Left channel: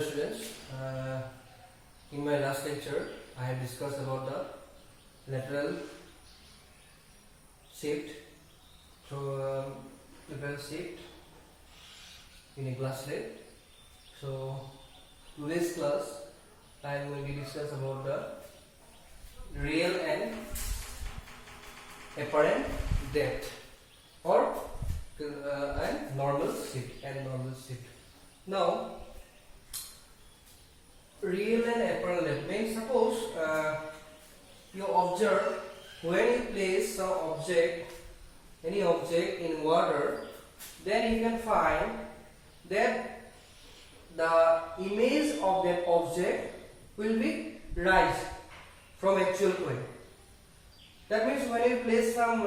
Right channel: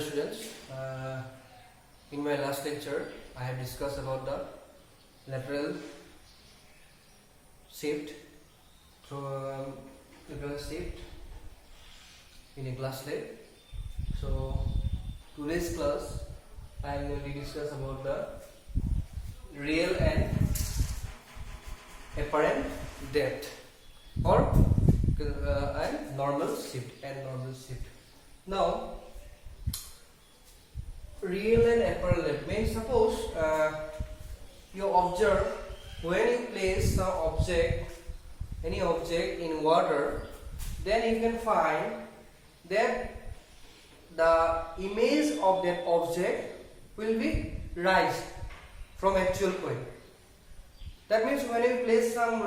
Students, in my last lecture I had discussed about the lateral shift in a glass slide. So today's class I am going to discuss about the real and apparent depth or and normal shift. Now real and apparent depth means suppose you observe when you place some object, any object in water, then you can find that the image of that object will be rise from actual point. That means when you place some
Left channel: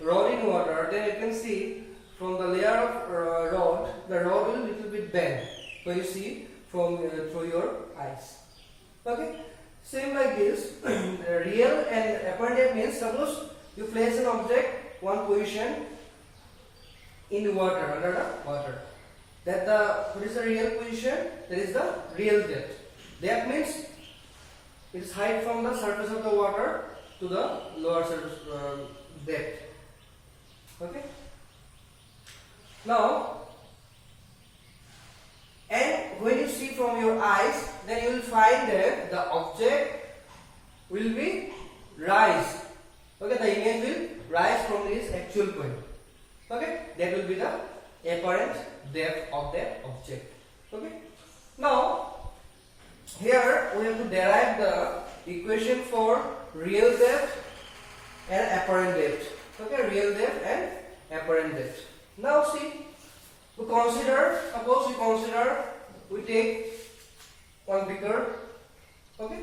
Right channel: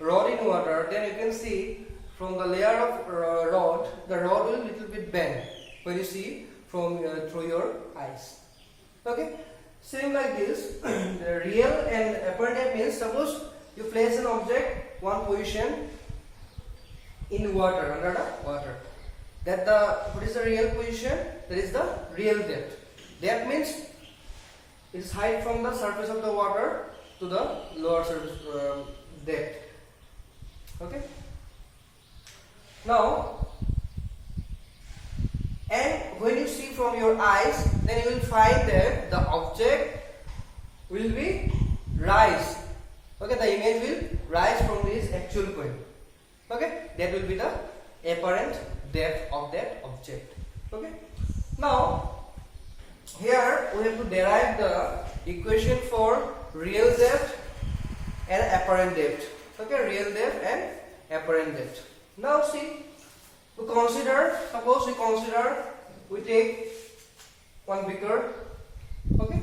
rod in water, then you can see from the layer of rod, the rod will little bit bend when you see from through your eyes. Okay, same like this. The real and apparent depth means suppose you place an object one position in water, under the water. That what is the real position? That is the real depth. That means it is height from the surface of the water to the lower surface depth. Okay. Now, and when you see from your eyes, then you will find that the object will be rise. Okay, the image will rise from this actual point. Okay, that will be the apparent depth of that object. Okay. Now, here we have to derive the equation for real depth and apparent depth. Okay, real depth and apparent depth. Now see, suppose we take one beaker, okay,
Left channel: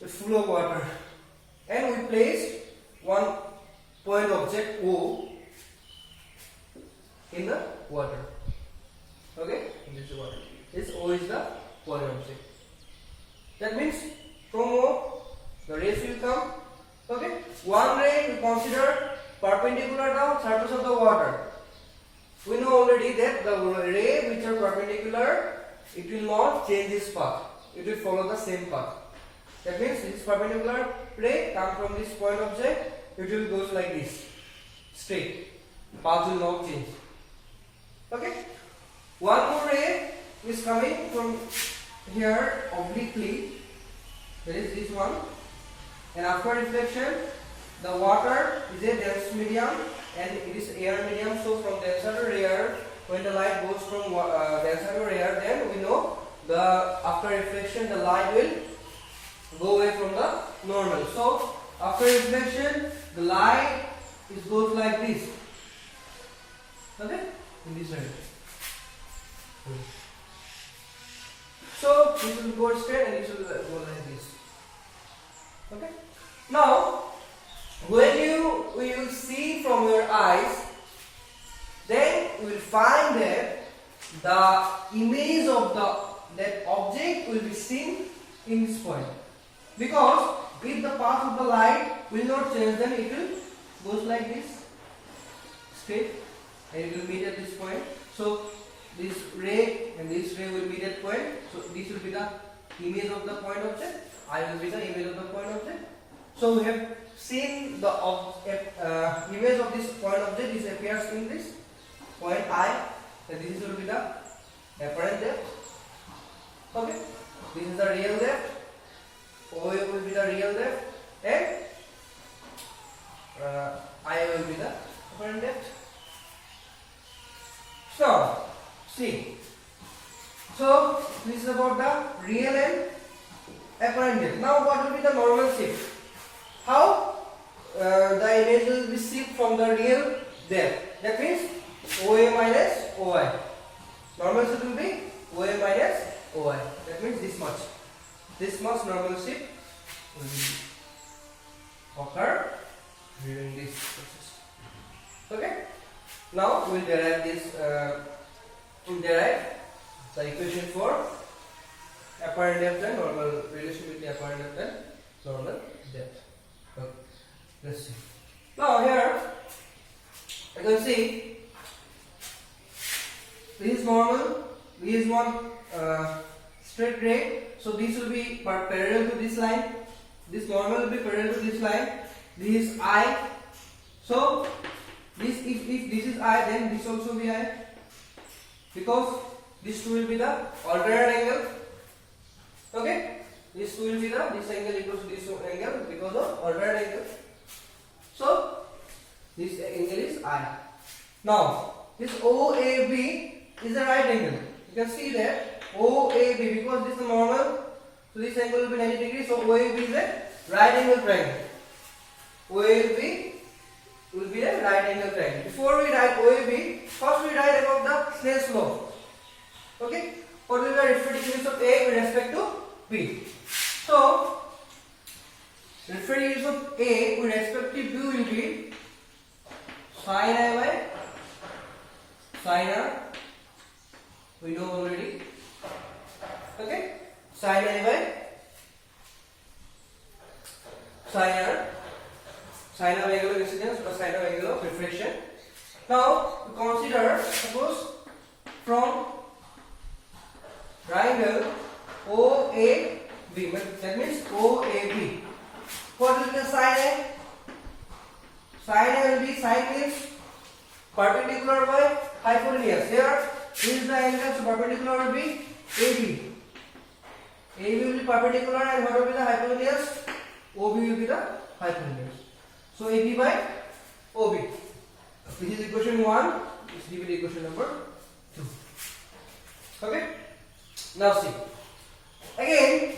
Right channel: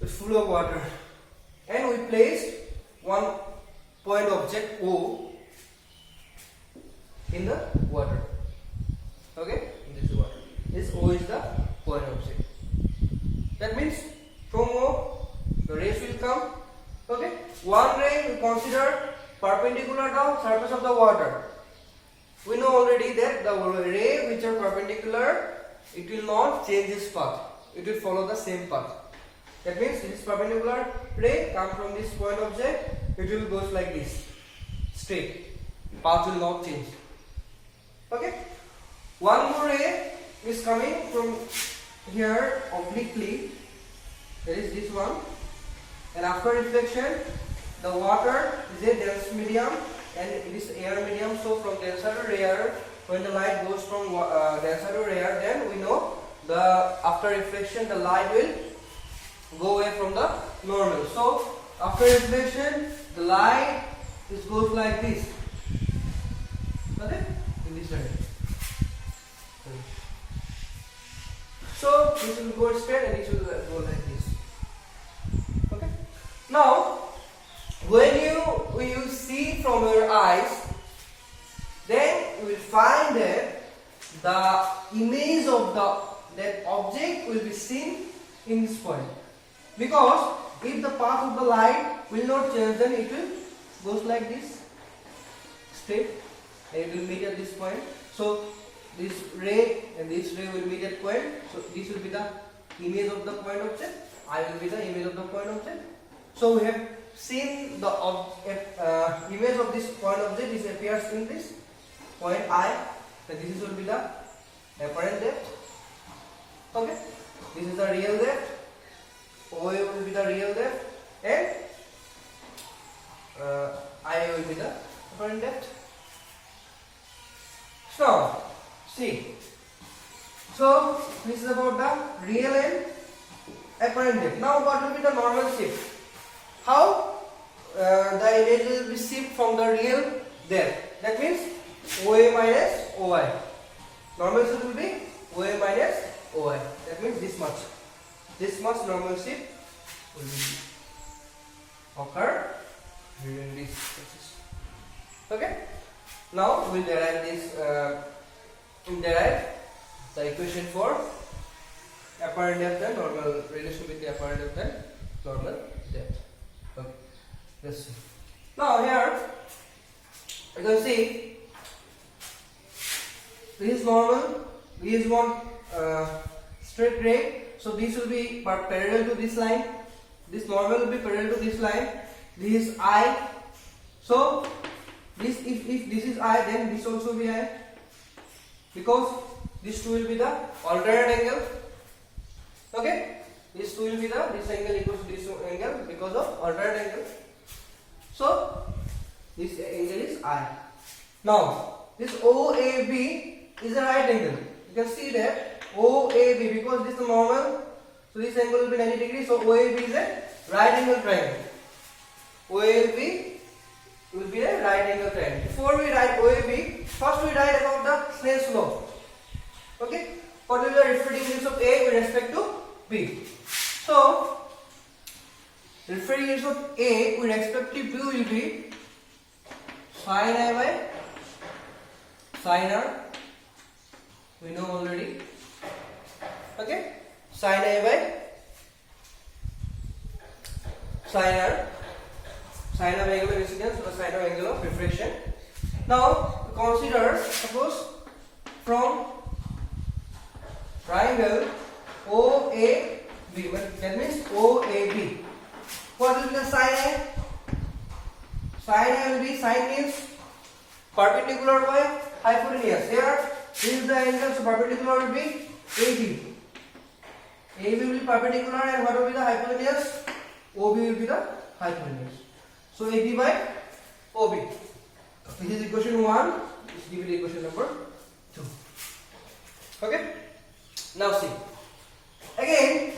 it's full of water, and we place one point object O in the water. Okay, in this water. This O is the point object. That means from O the rays will come. Okay, one ray we consider perpendicular to the surface of the water. We know already that the ray which are perpendicular, it will not change its path. It will follow the same path. That means this perpendicular ray come from this point object. It will goes like this, straight. Path will not change. Okay. One more ray is coming from here obliquely. That is this one. And after reflection, the water is a dense medium and it is air medium. So from denser to rare, when the light goes from denser to rare, then we know the after reflection the light will go away from the normal. So after reflection, the light goes like this. Okay, in this way. So this will go straight and it will go like this. Okay. Now, when you will see from your eyes, then you will find that the image of that object will be seen in this point. Because if the path of the light will not change, then it will goes like this, straight, and it will meet at this point. So this ray and this ray will meet at point. So this will be the image of the point object. I will be the image of the point object. So we have seen the image of this point object. This appears in this point I, and this will be the apparent depth. Okay, this is the real depth. OA will be the real depth, and I will be the apparent depth. So see, so this is about the real and apparent depth. Now what will be the normal shift? How the image will be shift from the real depth? That means OA minus OI. Normal shift will be OA minus OI. That means this much. This much normal shift will occur during this process. Okay. Now we will derive this. Derive the equation for apparent depth and normal relation between apparent depth and normal depth. Okay, let's see. Now here you can see this is normal, this is one straight ray. So this will be parallel to this line. This normal will be parallel to this line. This is I. So this if this is I, then this also be I, because this two will be the alternate angle. Okay, this two will be this angle equals to this angle because of alternate angle. So this angle is I. Now this OAB is a right angle. You can see that OAB, because this is normal, so this angle will be 90 degrees. So OAB is a right angle triangle. OAB will be a right angle triangle. Before we write OAB, first we write about the Snell's law. Okay, what will be the refracting index of A with respect to B? So refracting index of A with respect to B will be sin A by sin R. We know already. Okay, sin A by sin R, sin of angle of incidence or sin of angle of refraction. Now consider, suppose from triangle OAB, that means OAB. What will be the sin A? Sin A will be, sin means perpendicular by hypotenuse. Here, this is the angle, so perpendicular will be AB. AB will be perpendicular, and what will be the hypotenuse? OB will be the hypotenuse. So AB by OB. This is equation 1. This gives me equation number 2. Okay. Now see. Again,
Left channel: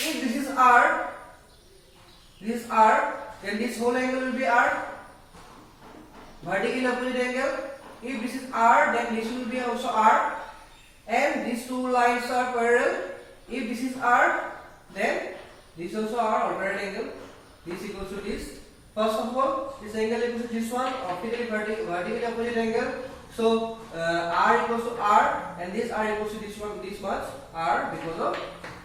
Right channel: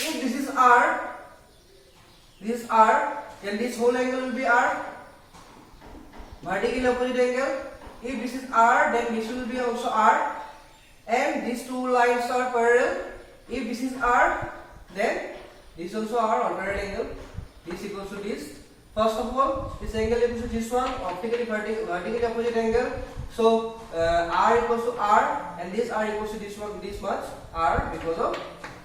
if this is R, then this whole angle will be R. Vertical opposite angle. If this is R, then this will be also R. And these two lines are parallel. If this is R, then this also R, alternate angle. This equals to this. First of all, this angle equals to this one, optically vertically opposite angle. So R equals to R, and this R equals to this one, this much R, because of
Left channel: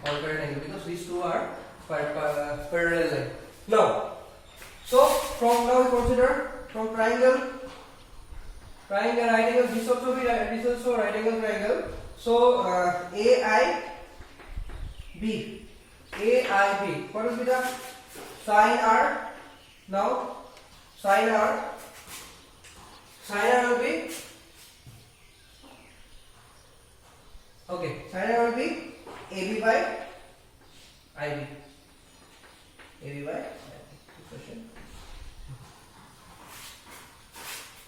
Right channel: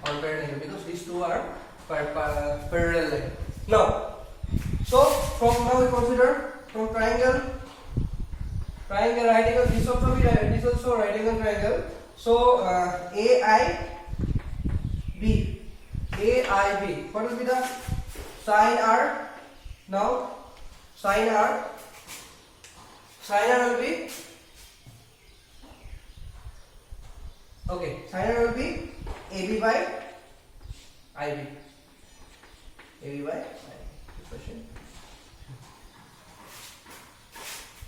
alternate angle, because these two are parallel line. Now, so from now we consider from triangle right angle. This also right angle triangle. So AIB. What will be the sin R? Now sin R will be, okay, sin R will be AB by IB. AB by IB. This question.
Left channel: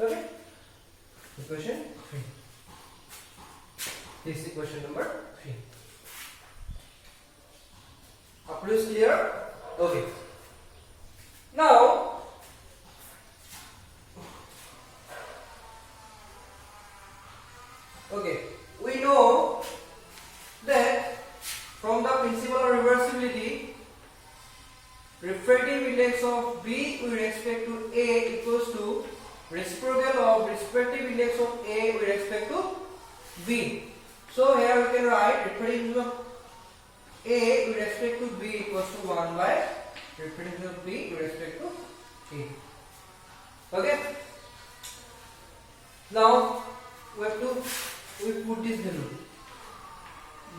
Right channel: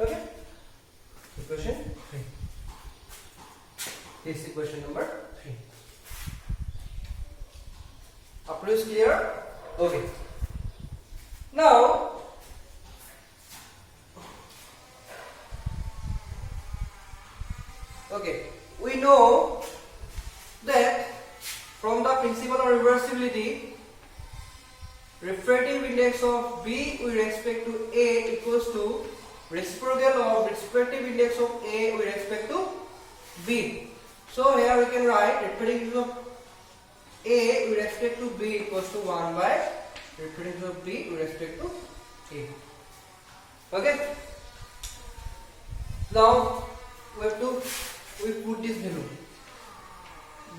Okay. Equation 3. This is equation number 3. Up to this clear? Okay. Now, okay, we know that from the principle of reversibility, refractive index of B with respect to A equals to reciprocal of refractive index of A with respect to B. So here we can write refractive index of A with respect to B equals to 1 by refractive index of B with respect to A. Okay. Now we put this value.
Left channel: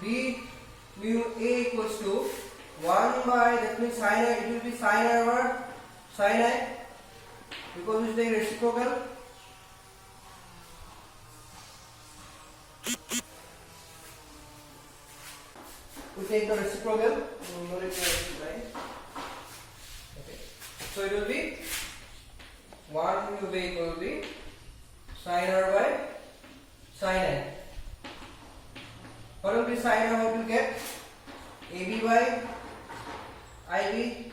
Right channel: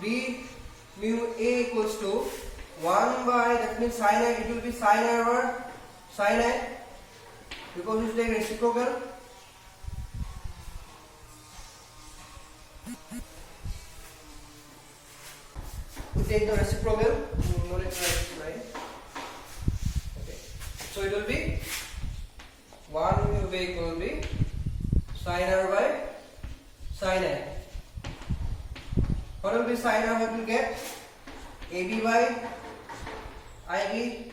B mu A equals to 1 by, that means sin A, it will be sin A over sin A, because it's like reciprocal. We take the reciprocal, no let's right. Okay. So it will be 1 mu A equal will be sin R by sin A. What will be sin R? What will get? AB by IB,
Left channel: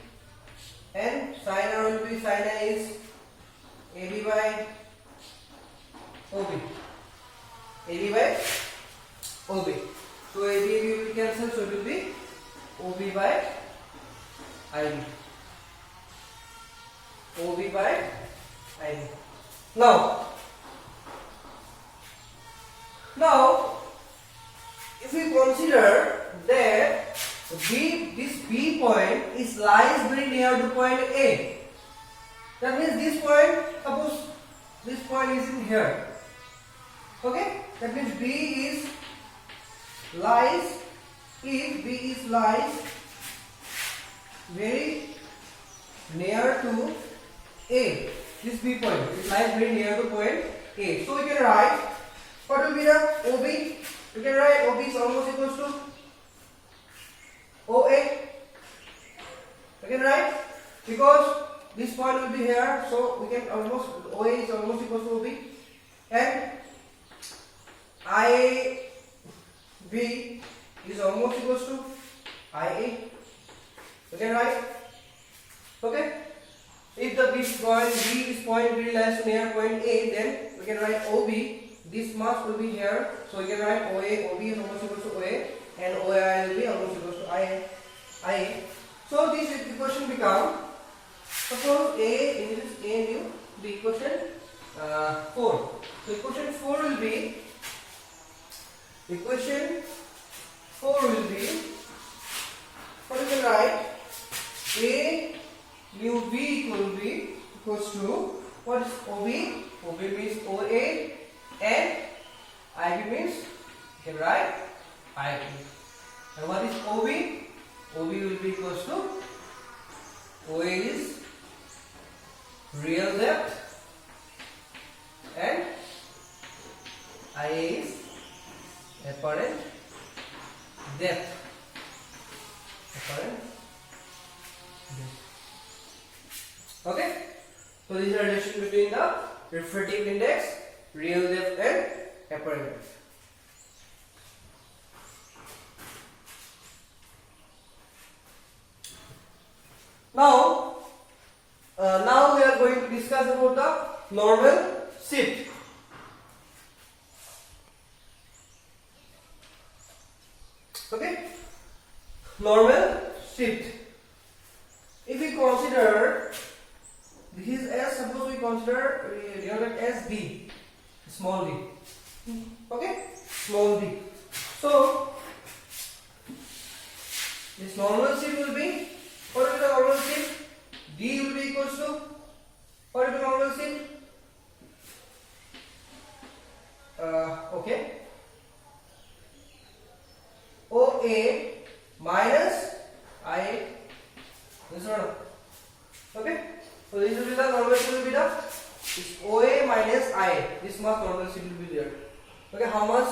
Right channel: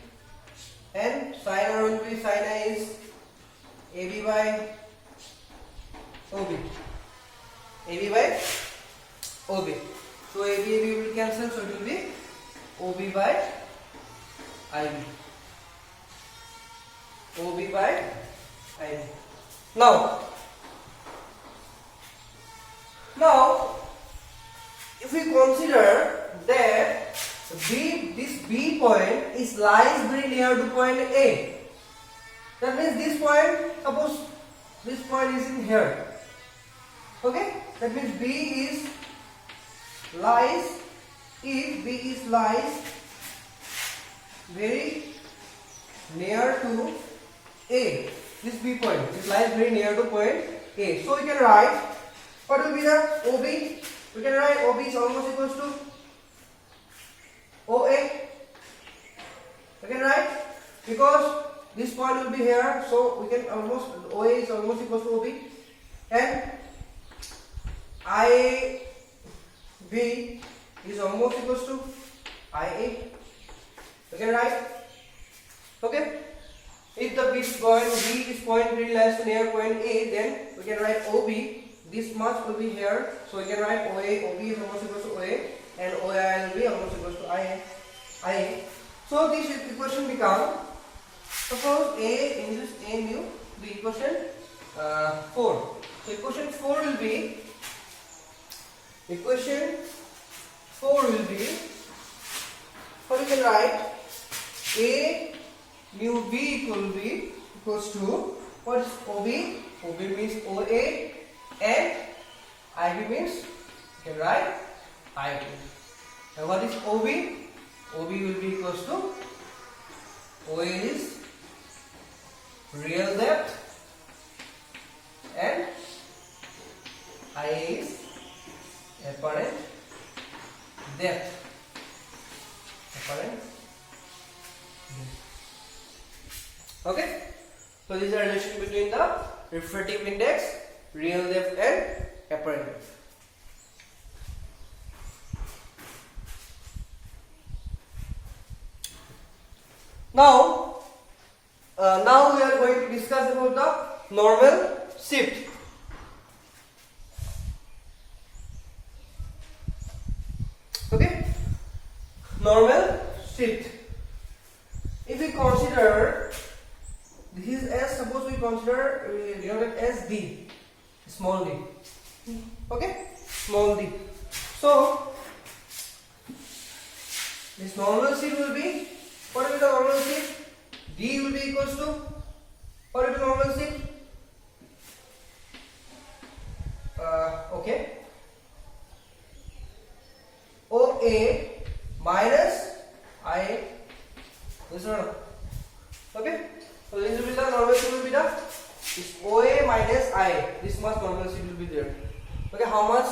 and sin R will be, sin A is AB by OB. AB by OB. So AB will cancel, so it will be OB by IB. OB by IB. Now, if we consider that this B point lies very near to point A, that means this point, suppose this point is in here. Okay, that means B lies if B is lies very near to A, this B point, it lies very near to point A. So we can write, what will be the OB? We can write OB is almost equals to OA. We can write, because this point will be here, so we can almost, OA is almost equals to OB, and IB is almost equals to IA. We can write, okay. If the B point really lies near point A, then we can write OB. This much will be here, so we can write OA. OB is almost equals to OA, and OI will be almost equals to IA. So this equation becomes, suppose A in this A new B equation 4. So equation 4 will be what we can write, A mu B equals to what is OB? OB means OA, and IB means, you can write IB. Now what is OB? OB will be equals to, OA is real depth and IA is apparent depth. Okay, so this is the relation between the refractive index, real depth and apparent depth. Now we are going to discuss about the normal shift. Okay, normal shift. If we consider this is S, suppose we consider denoted as D, small d. Okay, small d. So this normal shift will be, what will be the normal shift? D will be equals to, what will be normal shift? Okay, OA minus IA. This one. Okay, so this will be the normal shift will be the, this OA minus IA. This much normal shift will be there. Okay, how much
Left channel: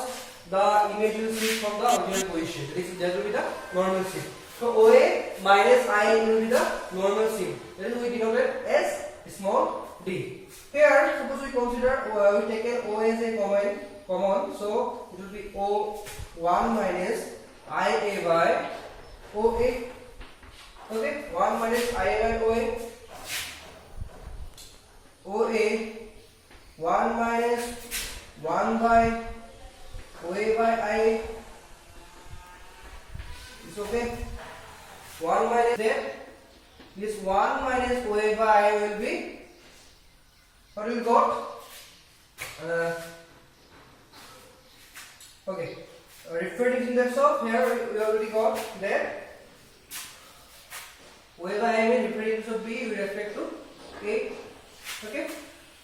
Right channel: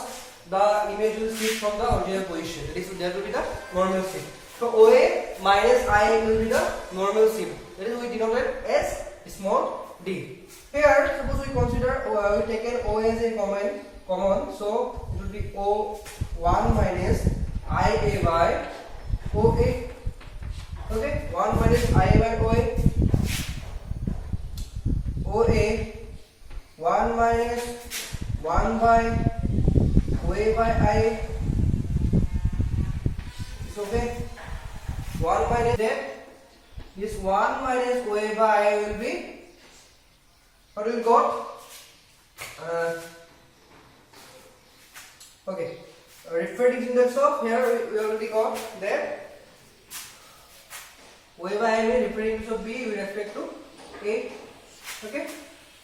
the image will shift from the original position? That will be the normal shift. So OA minus IA will be the normal shift. That is we denoted as small d. Here, suppose we consider we taken OA as a common, so it will be O1 minus IA by OA. Okay, 1 minus IA by OA. OA 1 minus 1 by OA by IA. It's okay. 1 minus that. This 1 minus OA by IA will be, what will we got? Okay, refractive index of, here we already got that. OA by IA means refractive index of B with respect to A. Okay,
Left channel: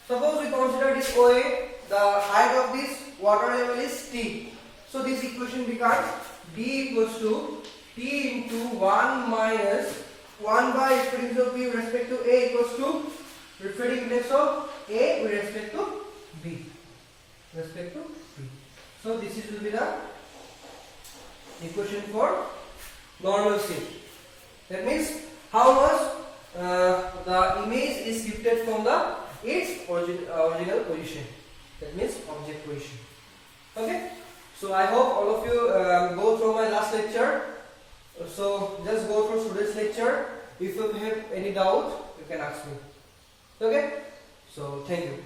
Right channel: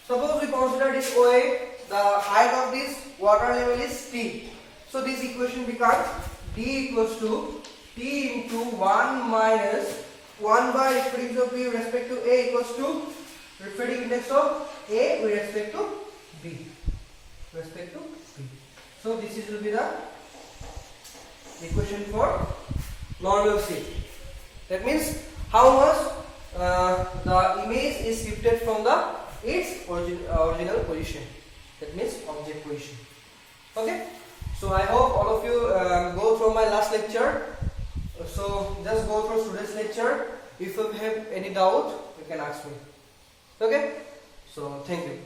suppose we consider this OA, the height of this water level is T. So this equation becomes D equals to T into 1 minus 1 by refractive index of B with respect to A equals to refractive index of A with respect to B. So this will be the equation for normal shift. That means how much the image is shifted from its original position. That means object position. Okay. So I hope all of you go through my last lecture. So just go through today's lecture. If you have any doubt, you can ask me. Okay. So thank you.